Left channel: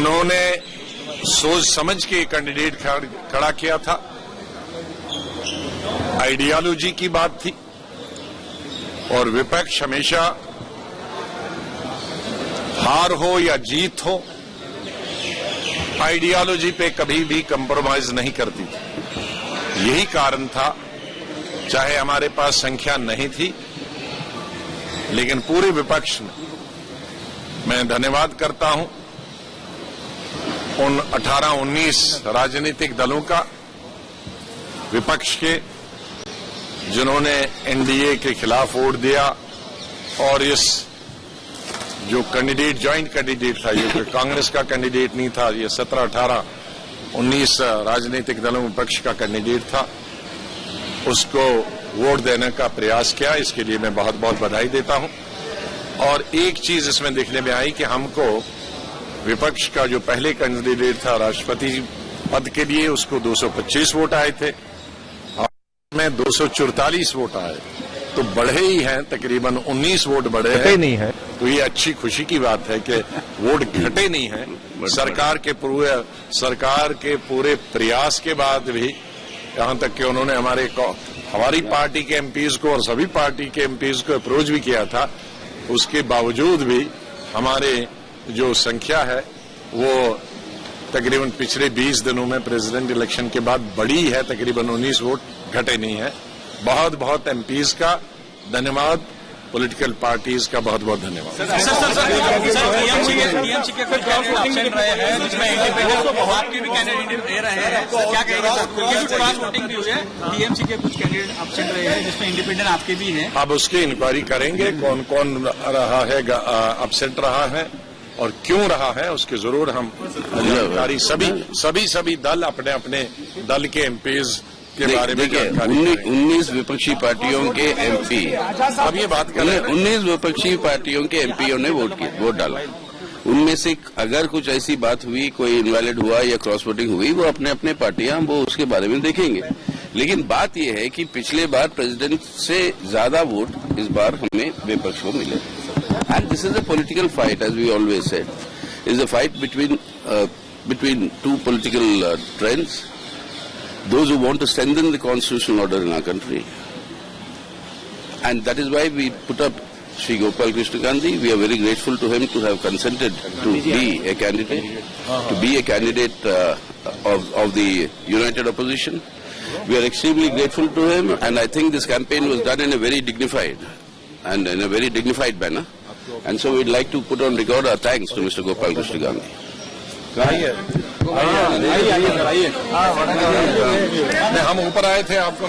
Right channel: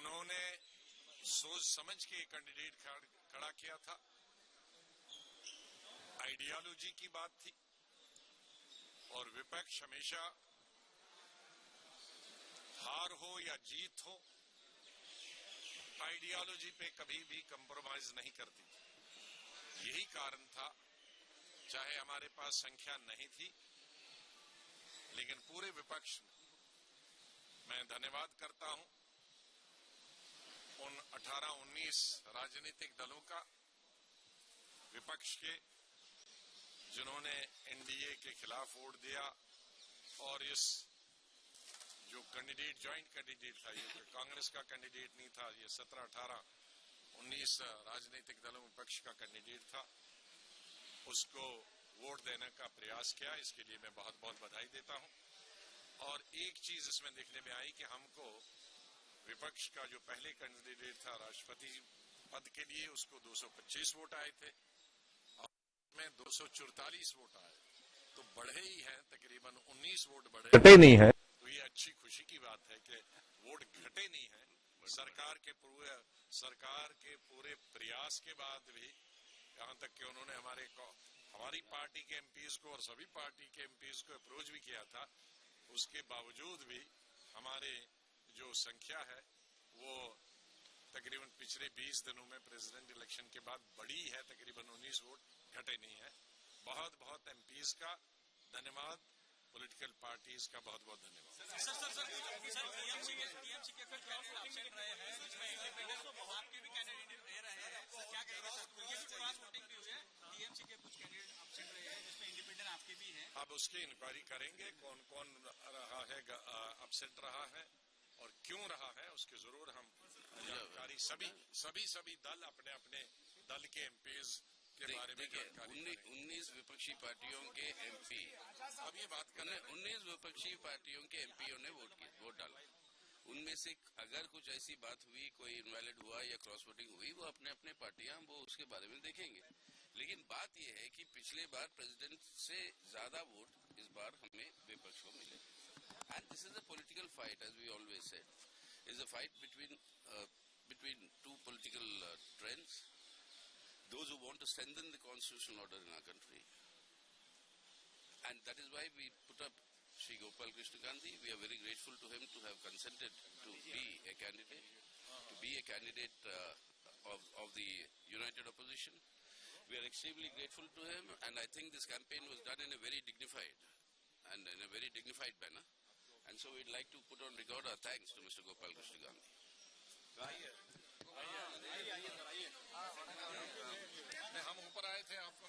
उन्होंने सोच समझ के कैंडिडेट खड़ा किया था। आइडियोलॉजी की बात थी और विपक्ष हमेशा हार हो या जीत हो आइडियोलॉजी पे कभी भी कंप्रोमाइज नहीं करती थी। यही कारण था, चाहे हमारे पास संख्या नहीं थी, लेकिन पूरे विपक्ष में मैं धन्यवाद करता हूं उन 18-19 राजनीतिक दलों का, विपक्ष के, जिन्होंने एनडीए के खिलाफ वोट दिया और इस जो कैंडिडेट ज्वाइंट कैंडिडेट था, ये कांग्रेस का कैंडिडेट नहीं था, ये 17, 18, 19 राजनीतिक दलों विपक्ष का कैंडिडेट था, उसको वोट देने का प्रयास किया। इसके लिए मैं बहुत बहुत बधाई देता हूं। और एक चीज इसमें देखने में आई कि हमको विपक्ष का जो पहले कैंडिडेट था राष्ट्रपति पद के लिए, उसको 225 वोट आए थे और में 244 वोट आए, तो बढ़े ही हैं, तकरीबन 19 वोट बढ़े घटे नहीं है। तो ये अच्छी खुशी की बात है कि वोट घटे नहीं है। सरकार के पूरे प्रयास के बाद भी, यहां तक कि उन्होंने हमारी पार्टी के एमपीज को और सभी पार्टी के एमपीज को अप्रोच भी किया था, उसके बावजूद भी हमारे जो संख्या है वो तकरीबन पिछले 20 दिनों में प्रेसिडेंट इलेक्शन के बाद बढ़ी है, तकरीबन 19 वोट, घटे नहीं है। बहुत बहुत एमपीज का धन्यवाद, पॉलिटिकल पार्टीज का बहुत बहुत धन्यवाद। टीएमसी के कुछ कैंडिडेट रहे हैं जिसमें इंडिपेंडेंट आपके भी कैंडिडेट दे रहे हैं, क्या कहेंगे सर? क्योंकि क्रॉस वोटिंग भी हुई है, टीएमसी के कुछ कैंडिडेट एब्सेंट रहे हैं जिसमें इंडिपेंडेंट आपके भी हैं। अब उसकी इंक्वायरी करेंगे, कौन कौन रहा है, एब्सेंट रहा है और क्यों रहा है, उसके जरूर हम जानकारी सभी दल अपने अपने दल के एमपीज के बारे में जानकारी। 19 विपक्षी पार्टियों के एमपी, अब ये बात करें, 19 विपक्षी पार्टियों के एमपीओ ने वोट डाला। उनमें से अगर कुछ ऐसी बात हुई, कोई इनवैलिड हुआ या क्रॉस वोटिंग हुई, वो अपने अपने पार्टियां वो उसके बारे में देखेंगे। लेकिन बात यह है कि पिछले बार प्रेसिडेंट से ज्यादा वोट इस बार हमें विपक्ष को मिले। And this is a political fight, as we always said, is a fight between two political trends, those who want to strengthen the constitutional order in our country. And that is why we put up Shri Gopal Krishna Gandhi. We are very grateful to him to have consented to be a candidate, of the united opposition. We are extremely grateful to him, and I think this campaign was done in a very dignified manner. And so we'd like to put on record our thanks to Mr. Gopal Krishna Gandhi. आइए, हम ऊपर आए थे, आपको